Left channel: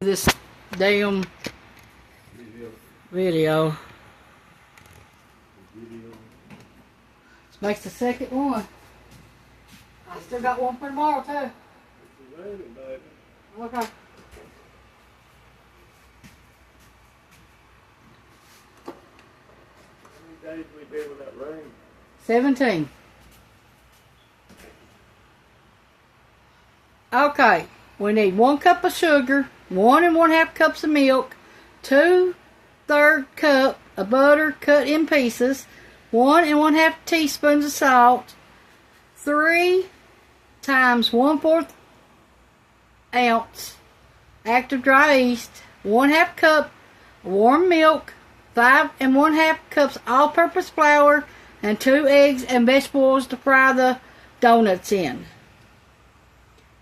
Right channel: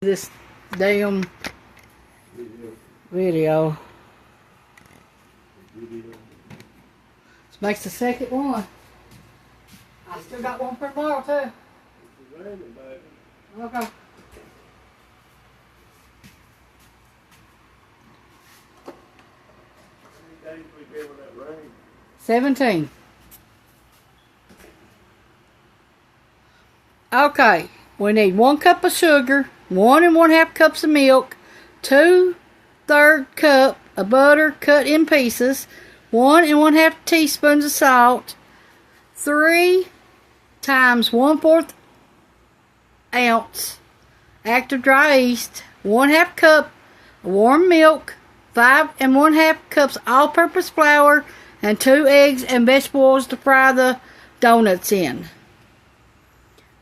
This damn video. This makes the second one. I still got one for tomorrow too. Okay. How many days we get with that rain? 17. Okay, we need 1 cup of sugar, 1 1/2 cups of milk, 2/3 cup of butter cut in pieces, 1 1/2 teaspoons of salt, 3 times 1/4 ounce active dry yeast, 1/2 cup of warm milk, 5 1/2 cups all-purpose flour, and 2 eggs and vegetable oils to fry the donuts in.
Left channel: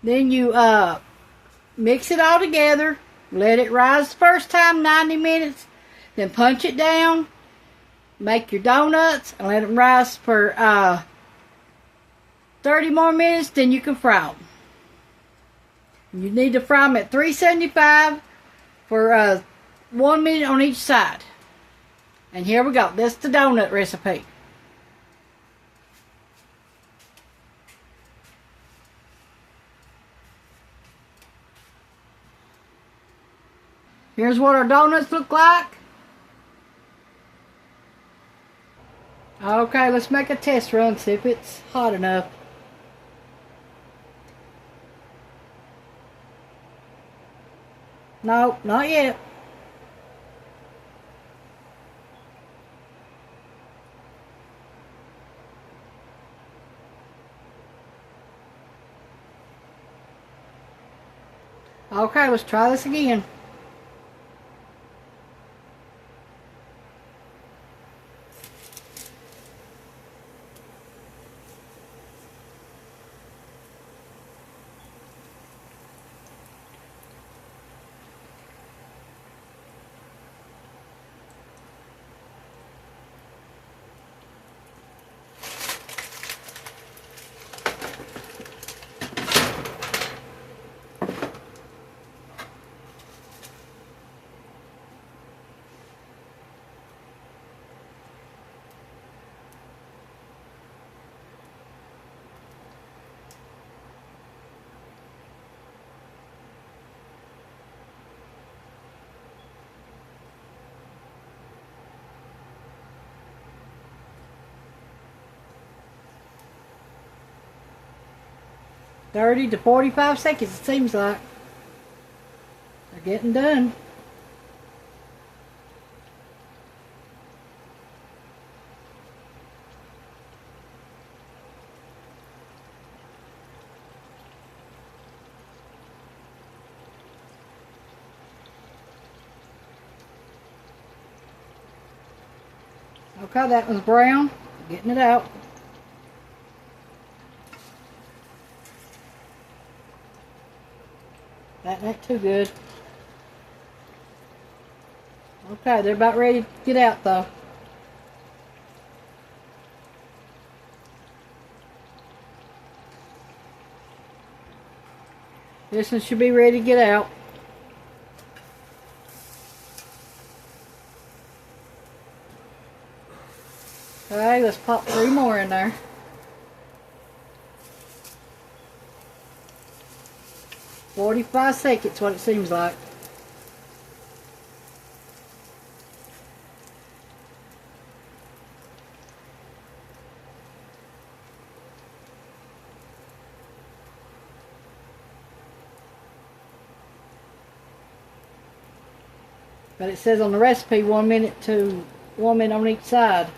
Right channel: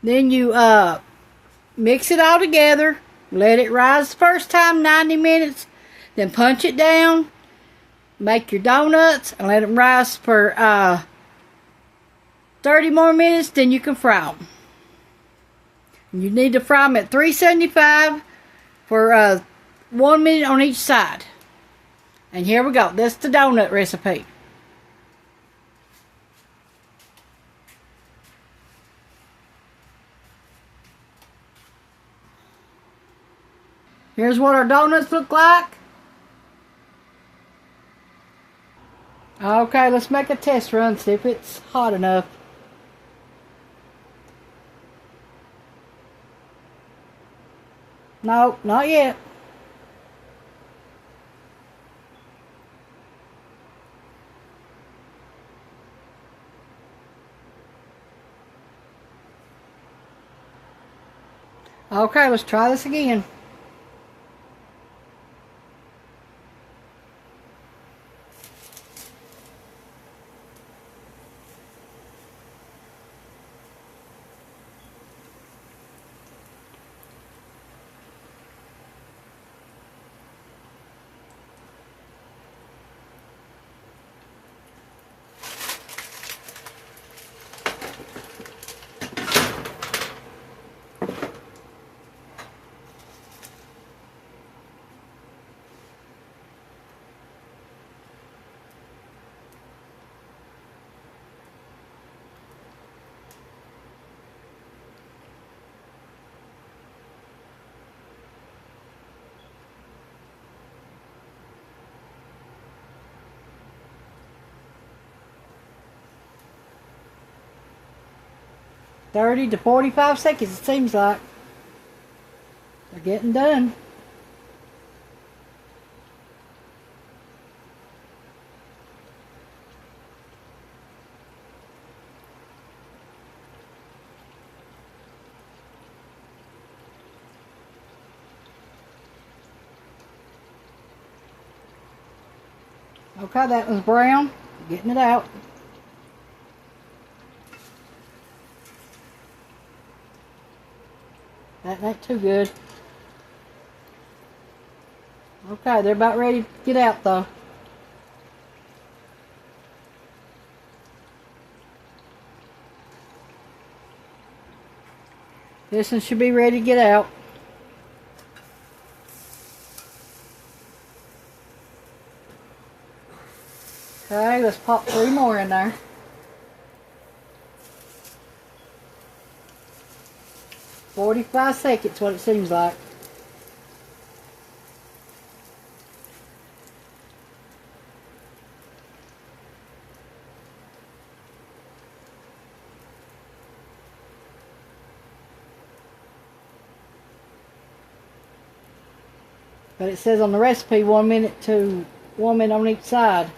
Then you mix it all together, let it rise the first time 90 minutes, then punch it down, make your donuts, and let them rise for 30 more minutes, then you can fry them. You need to fry them at 375 for 1 minute on each side. And here we go. That's the donut recipe. Here's what our donuts look like. Okay, let's make a test run, see if it's hot enough. Nope, not yet. Okay, let's try this again. "30 to 45 seconds, it seems like. They're getting done. Okay, that was brown. Getting it out. That ain't too good. Okay, they're about ready to get out though. This one should be ready to get out. Okay, let's pop 3 more in there. "45 seconds, what it seems like. But it says on the recipe 1 minute to 1 minute on each side.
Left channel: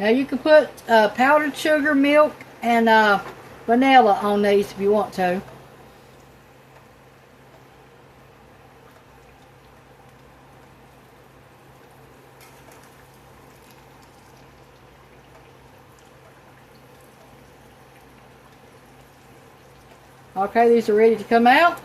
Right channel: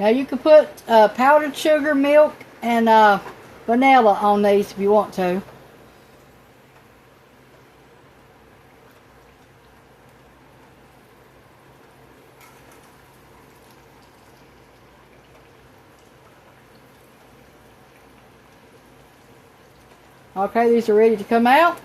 Now you can put powdered sugar, milk, and vanilla on these if you want to. Okay, these are ready to come out.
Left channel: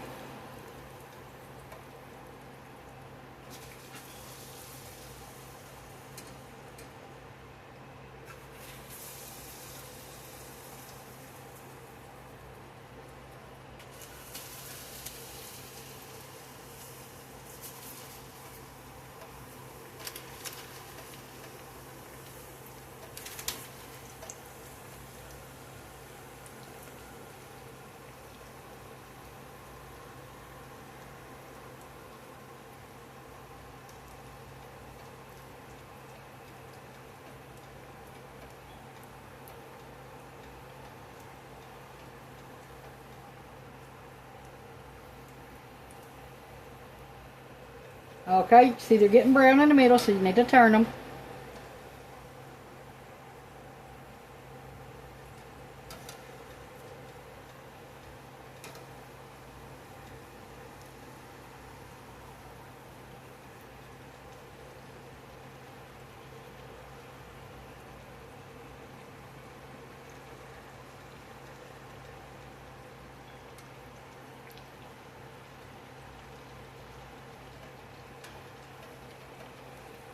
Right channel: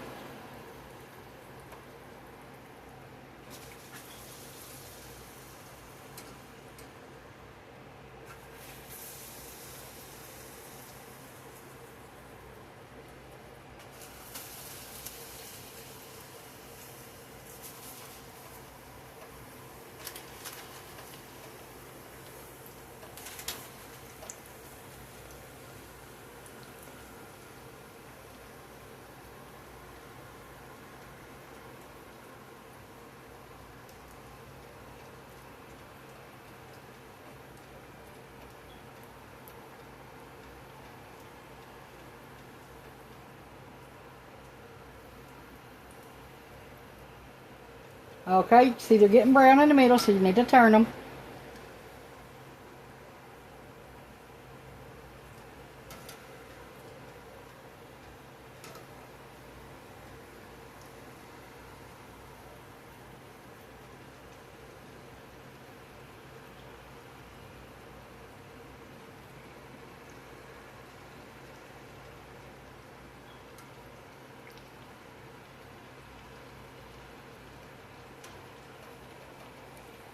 Okay, see they're getting brown in the middle, so you need to turn them.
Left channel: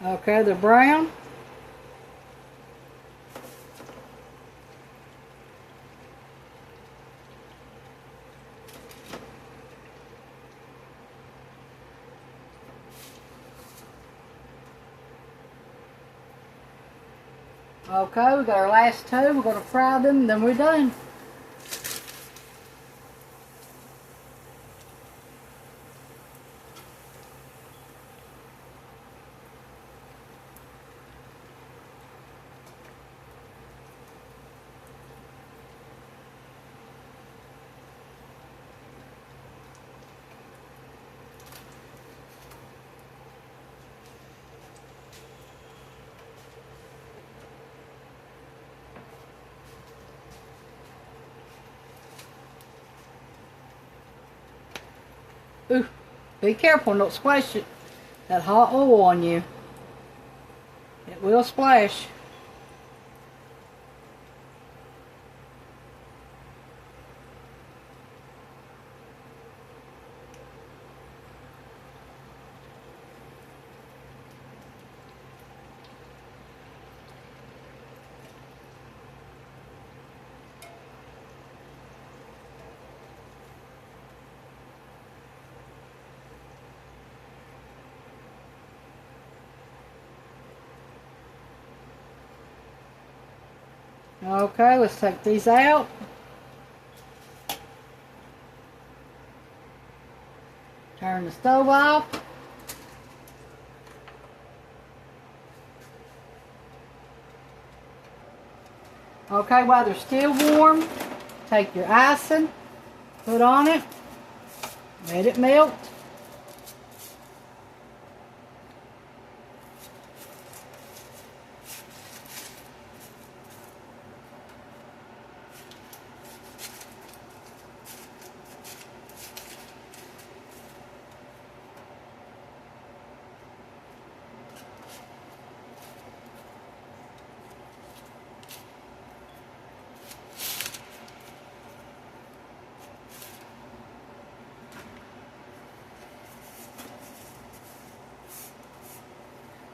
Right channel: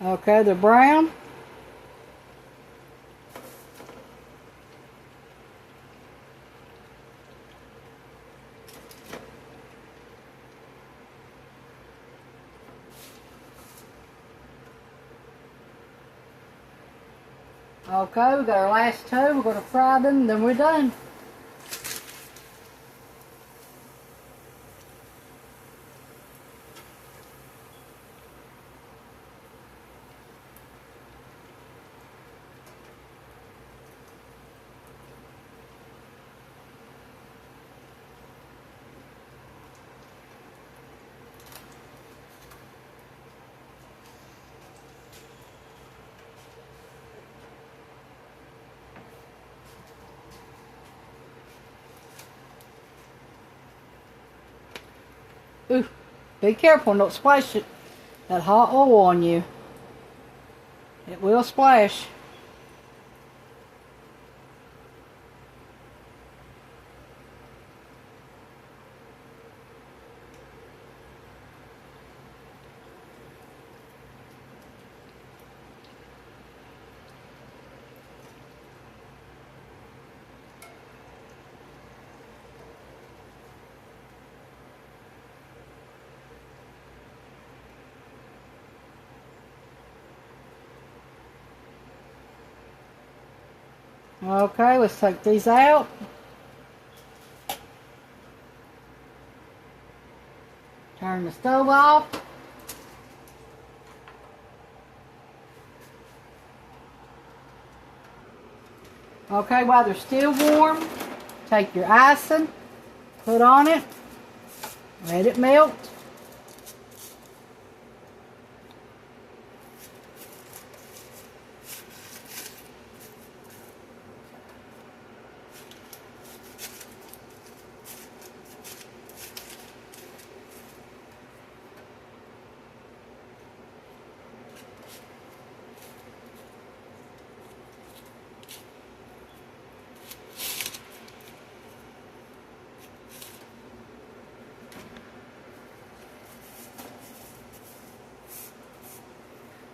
Okay, they're brown. Okay, we got our last two. We're going to fry them, then we're done. Ooh, be careful, don't splash that hot oil on you. It will splash. Okay, let's take these out. Turn the stove off. Okay, while they're still warm, take your icing, put on it, let it melt.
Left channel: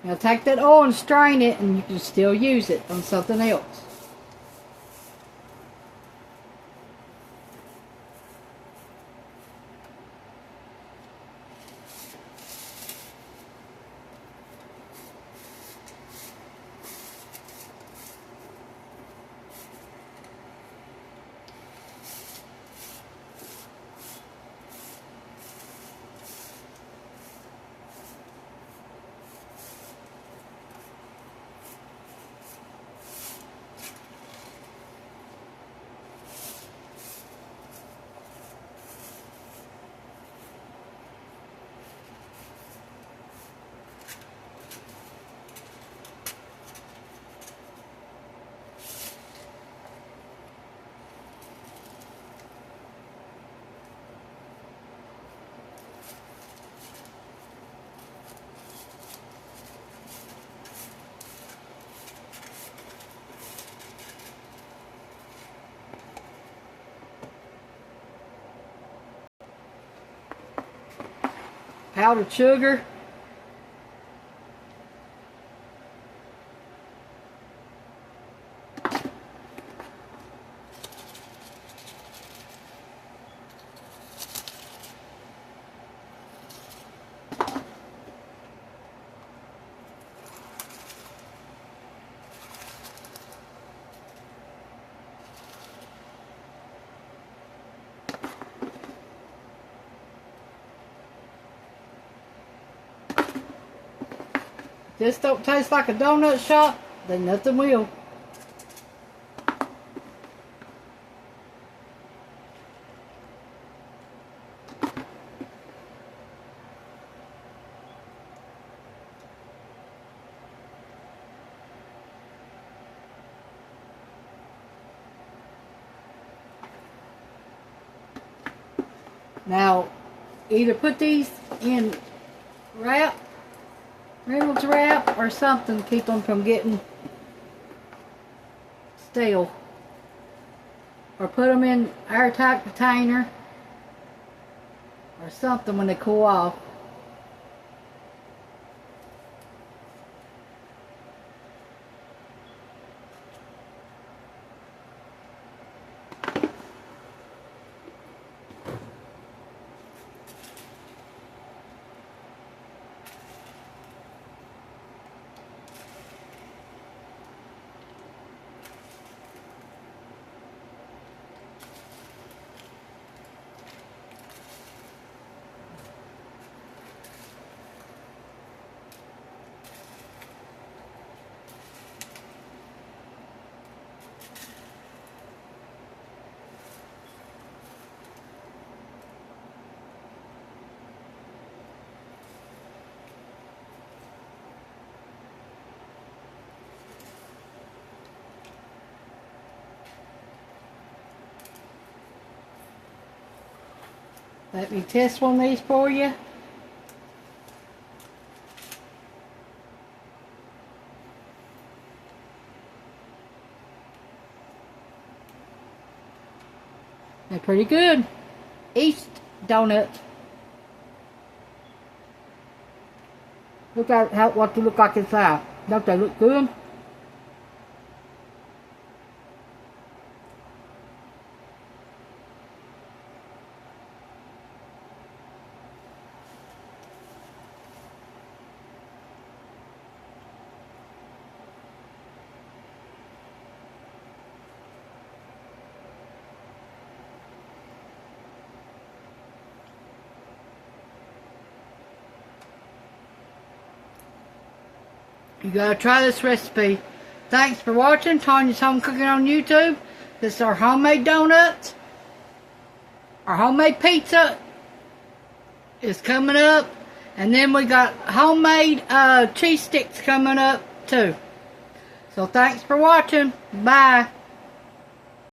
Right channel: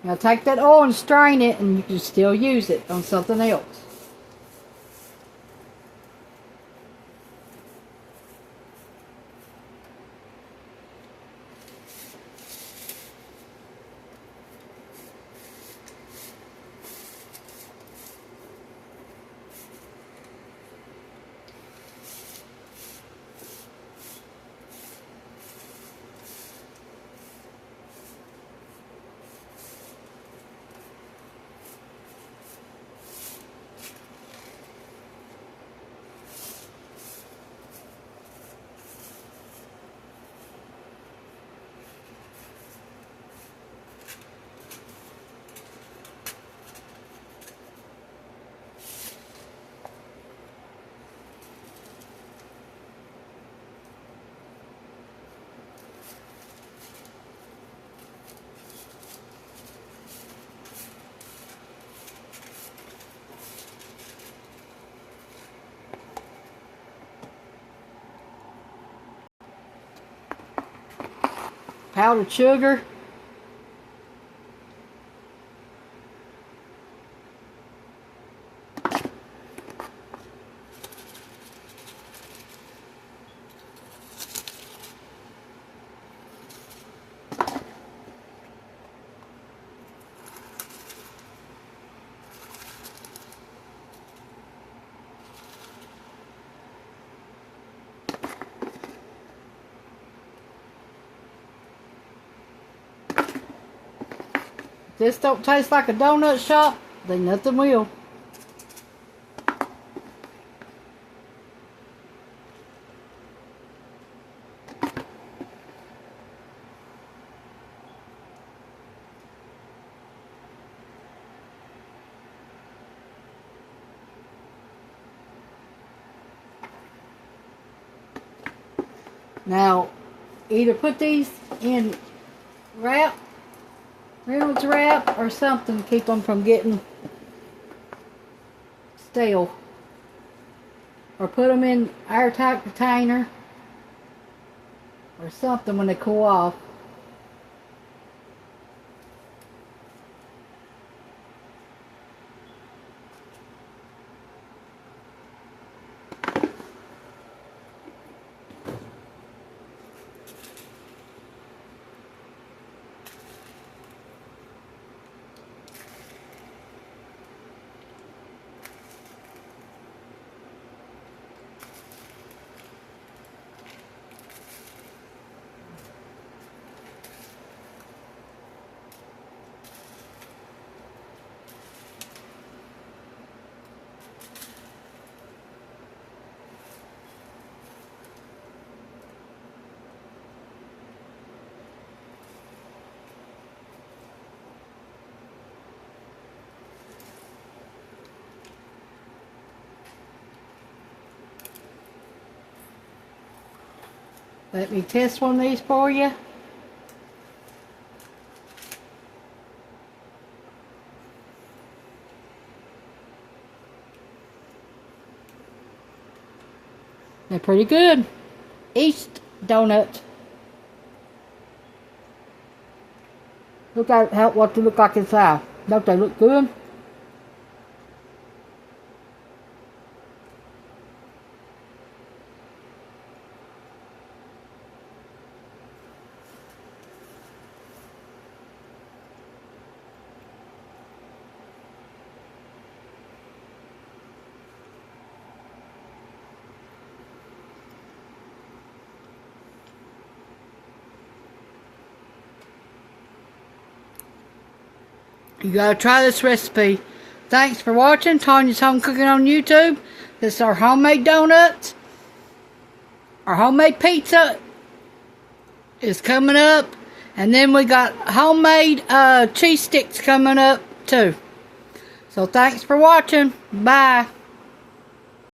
Now take that oil and strain it, and you can still use it on something else. powdered sugar. This don't taste like a donut shop, then nothing will. Now, either put these in Reynolds wrap or something to keep them from getting stale. Or put them in airtight container or something when they cool off. Let me test one of these for you. They're pretty good. East donut. Look at what they look like inside. Don't they look good? You gotta try this recipe. Thanks for watching Tanya's Home Cooking on YouTube. This is our homemade donuts. Our homemade pizza is coming up. And then we got homemade cheese sticks coming up too. So thanks for watching. Bye.